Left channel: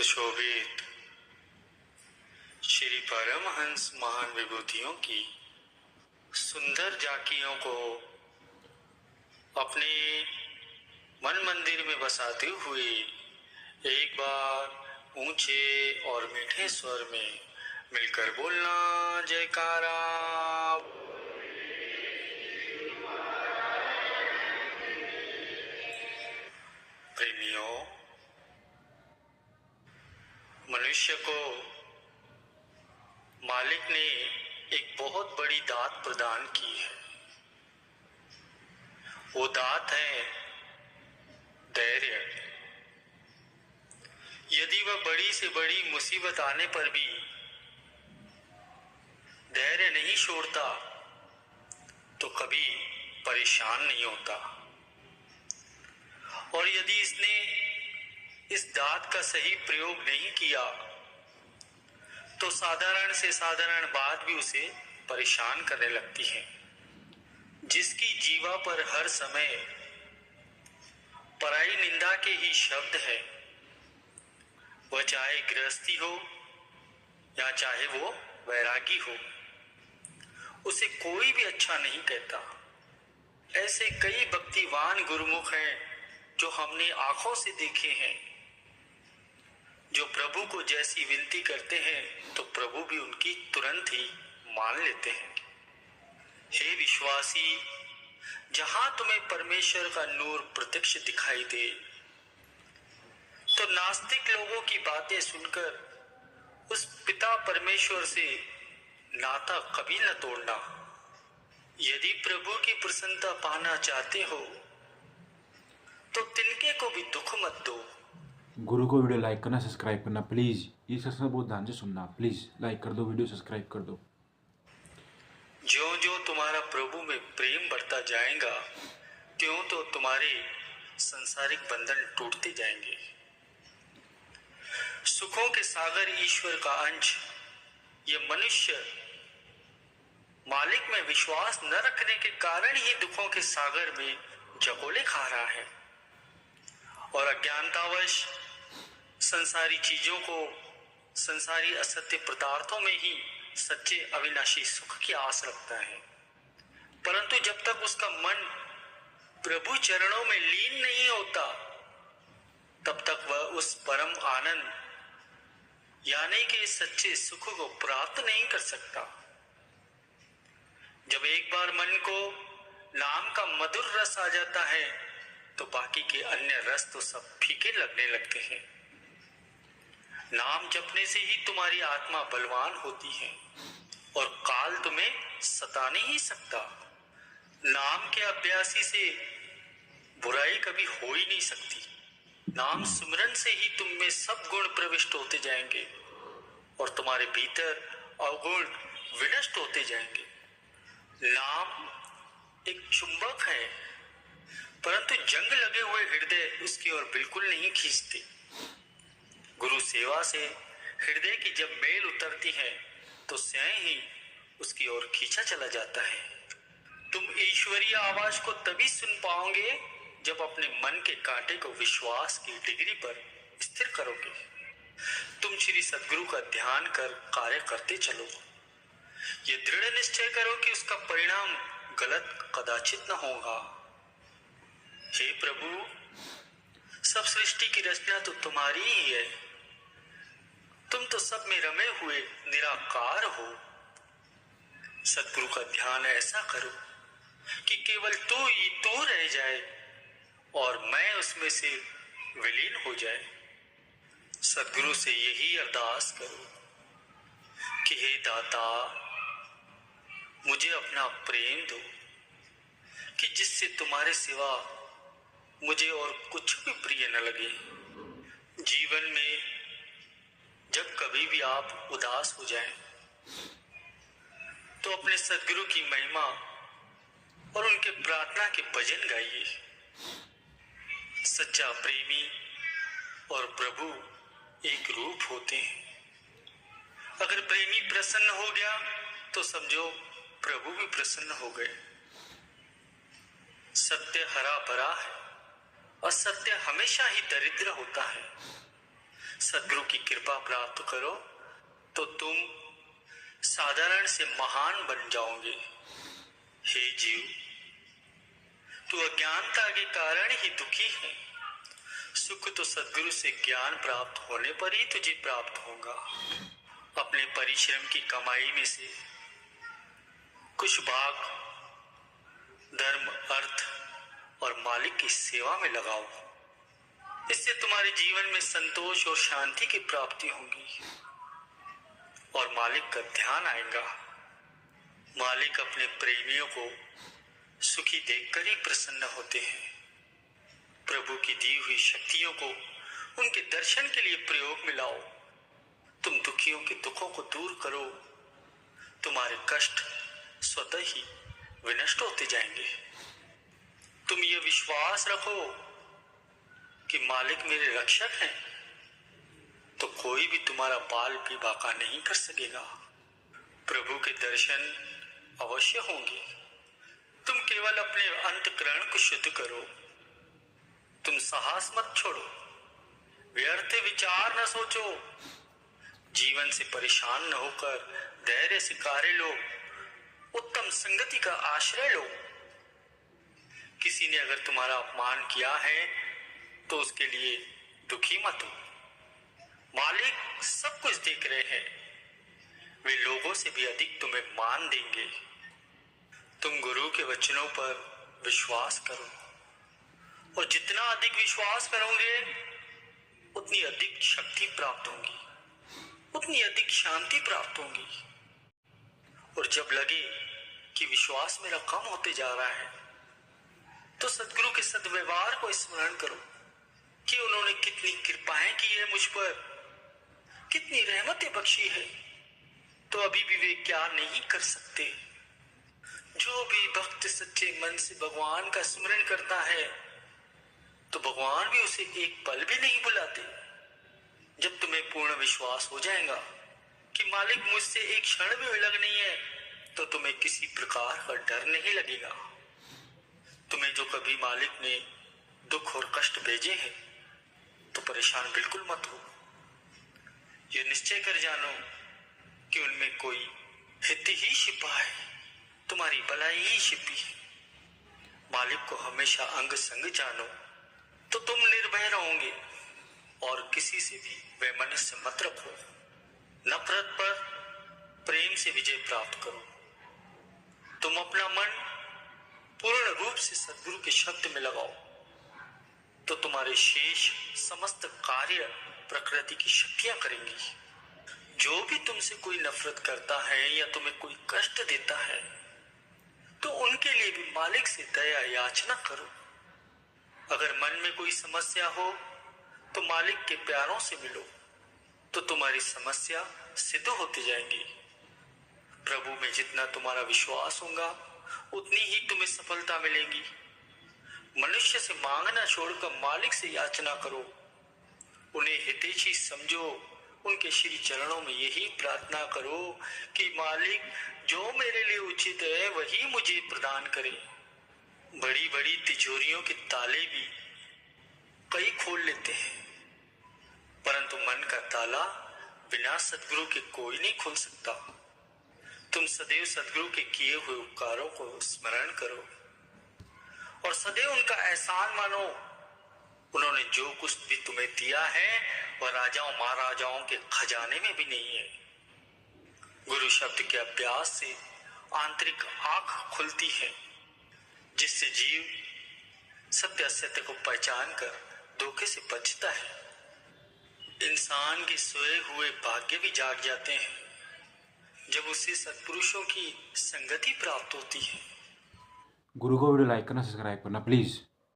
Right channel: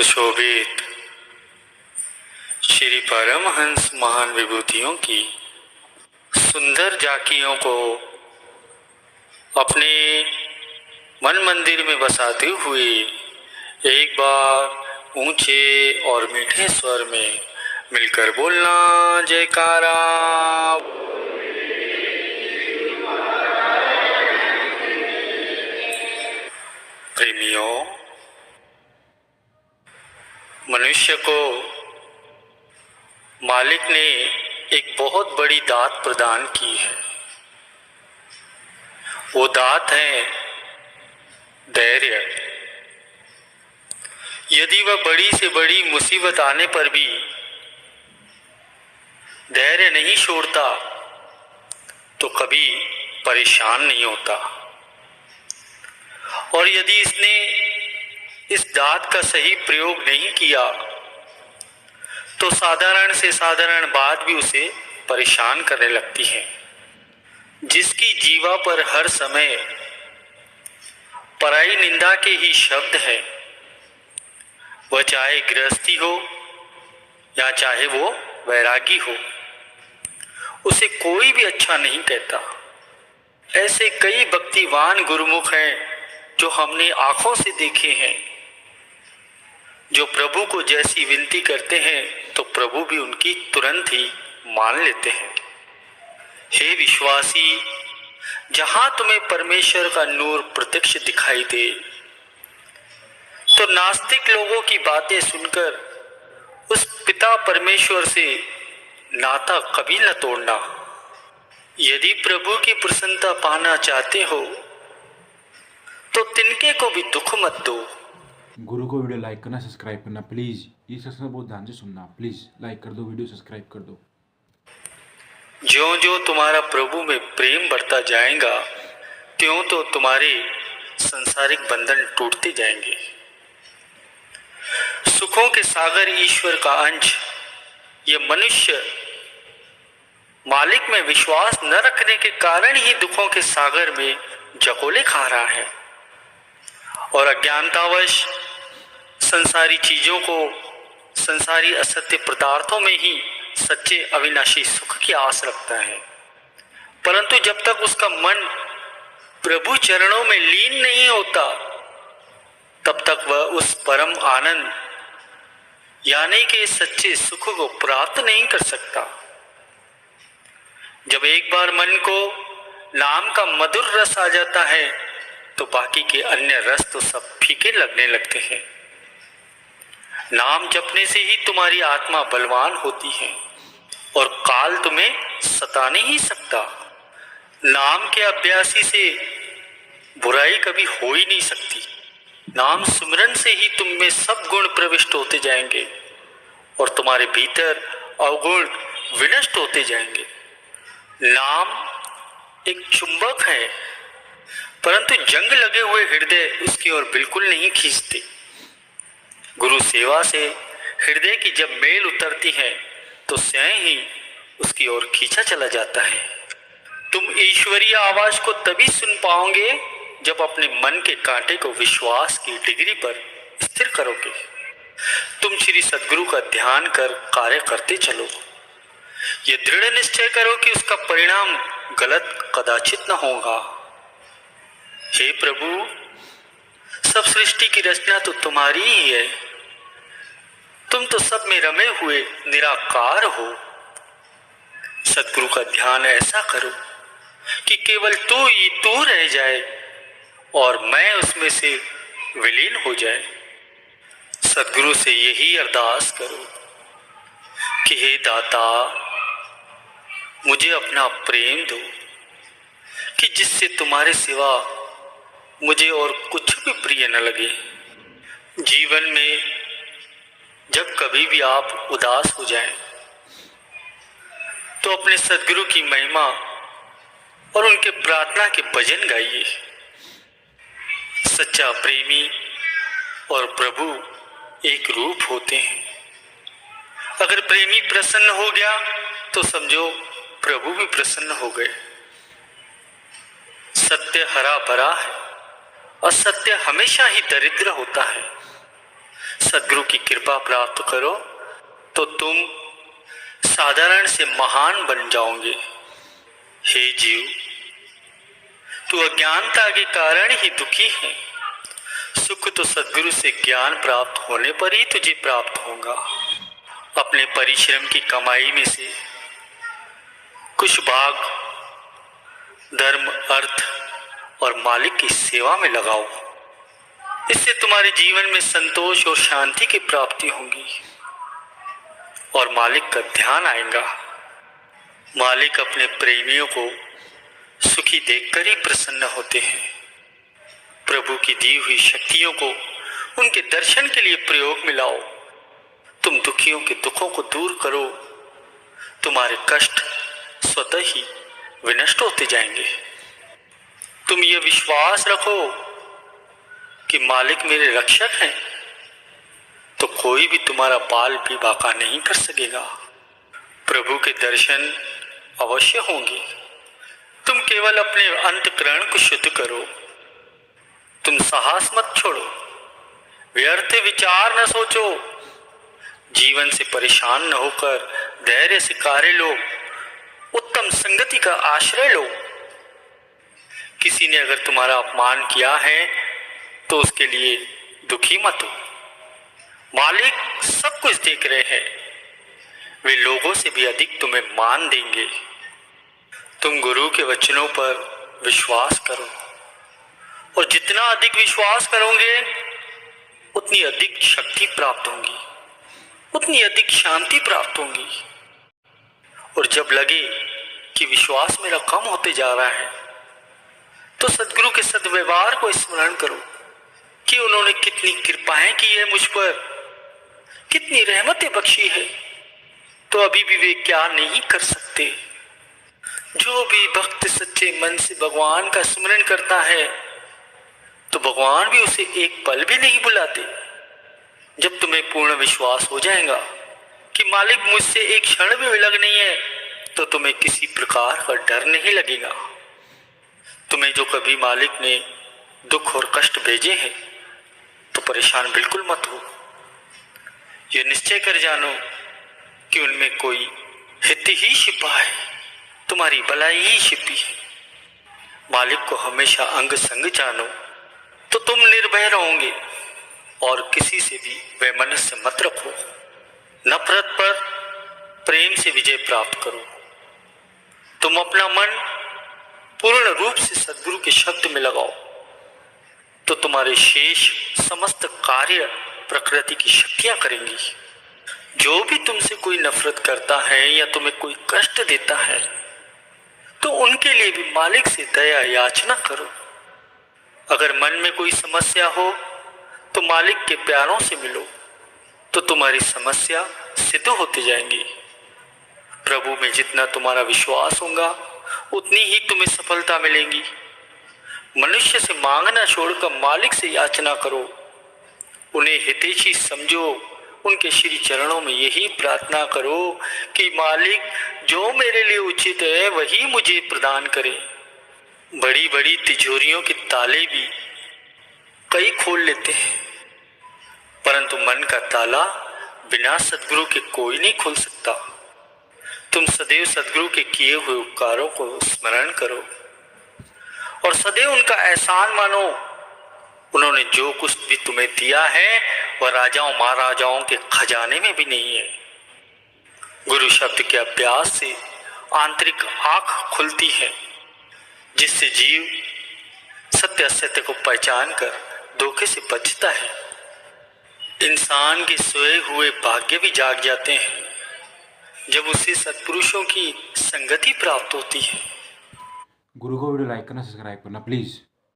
सुशोभित श्री परमहंस महान विभूतियों की सुंदर झांकियों को अपने मन मंदिर में बसाते हुए एक बार ऊंचे और मीठे स्वर में मिलकर बोलना जयकारा। प्रेमियों, मनुष्य को मालिक ने एक बहुत बड़ी दात प्रदान की है। वो दात है धैर्य। यदि वह बड़ी से बड़ी मुसीबत आने पर भी धैर्य नहीं छोड़ता तो कभी परेशान नहीं होता। और यदि इसने इस दात का सही प्रयोग नहीं किया तो साधारण से साधारण बात भी उसे परेशान करने लगती है। जिसकी जीवा पर हर समय पराई निंदा के ही शब्द है, वह चाहे गृहस्थी हो या चाहे वो वैरागी हो, उसे कोई भी अच्छा नहीं कहता। ऐसे कई भक्तिवान गुरुमुख हैं जो हमने आंखों से देखे हैं, जो प्रभु को जैसी विनती करते हैं तो प्रभु भी उनकी तुरंत ही मान लेते हैं। हे विश्वासी, जहां तुम्हें परमेश्वर का नूर प्रत्यक्ष दिखाई दे तो नास्तिक लोगों की बातें सुनकर उस पिता परमेश्वर से नाता कभी न तोड़ना। यदि प्रभु की प्रसन्नता पाना चाहते हो तो तिनके को भी दुख मत दो। गुरु को वीडियो लाइक करना, सब्सक्राइब करना प्लीज़। ये सत्संग बहुत ध्यान से सुनना प्लीज़। लाइक कर दो, वीडियो सब्सक्राइब कर दो। ज्यों ज्यों तुम्हारा प्रभु में प्रेम बढ़ता जाएगा त्यों तो तुम्हारे संसारिक बंधन टूटते जाएंगे। सुखों के सागर ईश्वर का अंश ये मनुष्य मालिक में विश्वास न रखने के कारण ही दुखों के सागर में जकोले खा रहा है और अज्ञानतावश संसारी चीजों को, संसारी असत्य पदार्थों में ही सच्चे अविनाशी सुख की आस रखता है। परंतु जब तक उसका मन प्रभु चरणों में लीन नहीं होता तब तक वह उस परम आनंद यानी कि सच्चे सुख को प्राप्त नहीं कर सकता। जब एक बार मन को नाम का मधुर रस आ जाता है तो बाकी के अन्य रस तो सब फीके लगने लगते हैं। नाम जपने से ही तुम्हारी आत्मा बलवान होती है और काल तुम्हें सता नहीं सकता। नाम के अभ्यासी से बुराई कभी हो ही नहीं सकती। नाम सुमिरन से ही तुम में सब गुण प्रविष्ट होते जाएंगे और तुम्हारे भीतर अवगुण विनष्ट होते जाएंगे। नाम एक चुंबक है, परंतु जंग लगे हुए हृदय उसकी ओर बिल्कुल नहीं खींचते। गुरु सेवा से हृदय की जब मेल उतरती है तो स्वयं ही उसकी ओर खींचा चला जाता है। तुम ईश्वरीय आवाज को तभी सुन पाओगे जब अपने मन के कांटे को विश्वास की डिग्री पर स्थिर करोगे। तुम श्री सद्गुरु का ध्यान कर कार्य करते चलो। ये दृढ़ निश्चय करो कि उसका परिणाम गलत कदाचित न होगा। हे प्रभु, सब सृष्टि की रचना तो तुम्हारी ही है। तुम तो सब में रमे हुए निराकार हो। सद्गुरु का ध्यान ऐसा करो कि केवल तू ही तू रह जाए और मैं उसमें से विलीन हो जाए। सद्गुरु से यही अरदास करो कि हे दाता, मुझे अपना प्रेम दो कि जिससे तुम्हारे सिवा मुझे और कुछ भी प्रिय न लगे। जीवन में जब कभी भी आप उदास हो जाएं, तो अपने सद्गुरु की महिमा और उनके प्रार्थना के भजन गाइए। सच्चा प्रेमी और प्रभु एक रूप होते हैं। अगर प्रेमी प्रसन्न हो गया तो समझो प्रभु भी प्रसन्न हो गए। सत्य हरा भरा है और सत्य हमेशा ही दरिद्र होता है। सदगुरु की कृपा प्राप्त करो तो तुम साधारण से महान बन जाओगे। हे जीव, तू अज्ञानता के कारण ही दुखी है। सुख तो सदगुरु से ज्ञान प्राप्त होने पर ही तुझे प्राप्त होगा। अपने परिश्रम की कमाई में से कुछ भाग धर्म, अर्थ और मालिक की सेवा में लगाओ। इससे तुम्हारे जीवन में संतोष और शांति की प्राप्ति होगी और मालिक का ध्यान आएगा। मालिक अपने प्रेमियों को सुखी देखकर ही प्रसन्न होते हैं। प्रभु की दी हुई शक्तियों को उनके दर्शन के लिए प्रयोग में लाओ। तुम दुखियों के दुखों को दूर करो, तुम्हारे कष्ट स्वतः ही विनष्ट होते जाएंगे। तुम ये विश्वास रखो कि मालिक मेरे रक्षक हैं, तो कोई भी तुम्हारा बाल भी बांका नहीं कर सकेगा। प्रभु के दर्शन अवश्य होंगे। तुम केवल अपने अंतःकरण को शुद्ध करो। तुम साहस मत छोड़ो, व्यर्थ विचार न सोचो। जीवन से परेशान न होकर धैर्य से कार्य लो। उत्तम संगति का आश्रय लो। किसी ने अगर तुम्हारा अपमान किया है तो उसके लिए दुखी मत हो। मालिक सब कुछ देख रहे हैं। वे लोगों से भी अधिक तुम्हें मान देंगे। तुम गुरु के वचनों पर विश्वास करो और जितना अधिक विश्वास करोगे उतनी अधिक शक्ति प्राप्त होगी, उतनी अधिक शांति प्राप्त होगी। और जब लगे कि विश्वास मेरा कम होते जा रहा है तो सदगुरु के सद्व्यवहार को स्मरण करो कि उन्होंने कितनी कृपाएं की है मुझ पर, कितनी रहमतें बख्शी है, तो अभी भी वे क्या नहीं कर सकते। जो भी भक्त सच्चे मन से भगवान का स्मरण करता है तो भगवान भी उसे एक पल भी नहीं बुलाते। जब तुम्हें पूर्ण विश्वास हो जाएगा कि मालिक मुझसे एक क्षण भी विलग नहीं है तो तुम्हें किसी प्रकार का डर नहीं लगेगा। तुम्हें जो कभी मालिक ने दुख और कष्ट भेजे हैं तो परेशान बिल्कुल मत हो। यह निश्चय कर जानो कि उनमें कोई हित ही छिपा है, तुम्हारी भलाई ही छिपी है। मालिक को हमेशा अंग संग जानो तो तुम निर्भय रहोगे और किसी से भी वैमनस्य मत रखो। नफरत पर प्रेम से विजय प्राप्त करो। तुम अपना मन पूर्ण रूप से सद्गुरु के शब्द में लगाओ तो तुम्हारे शेष समस्त कार्य प्रकृति की शक्तियां करेंगी। जो भी तुमसे कोई नफरत करता है या तुम्हें कोई कष्ट देता है तो उनके लिए भी मालिक से दया याचना करो। अगर मन में कोई समस्या हो तो मालिक के प्यारों से मिलो तो तुम्हारी समस्या सिद्ध होती जाएंगी। प्रभु में जितना तुम्हारा विश्वास होगा उतनी ही तुम्हें सफलता मिलेगी। मनुष्य से मांगना छोड़कर मालिक से याचना करो। उन्हें हितैषी समझो। उनके श्री चरणों में यही प्रार्थना करो कि मालिक जो मेरे लिए उचित है वही मुझे प्रदान करे। बड़ी बड़ी तिजोरियों के ताले भी कई खोल लेते हैं, परंतु मन का ताला बिना सद्गुरु के कोई नहीं खोल सकता। तुम सदैव सद्गुरु के किए हुए उपकारों को स्मरण करो और सदैव उनका एहसान मानो। उन्होंने जो कुछ भी तुम्हें दिया है वह राजाओं महाराजाओं के खजाने में भी नहीं है। गुरु शब्द के अभ्यास से आंतरिक आंख खुलती है, जिससे जीव सत्य असत्य को पहचान कर धोखे से बचता है। इंसान के सोए हुए भाग्य भी जाग जाते हैं जब उसे सत्पुरुषों की संगति प्राप्त होती है। गुरु को वीडियो लाइक करना, सब्सक्राइब करना प्लीज़।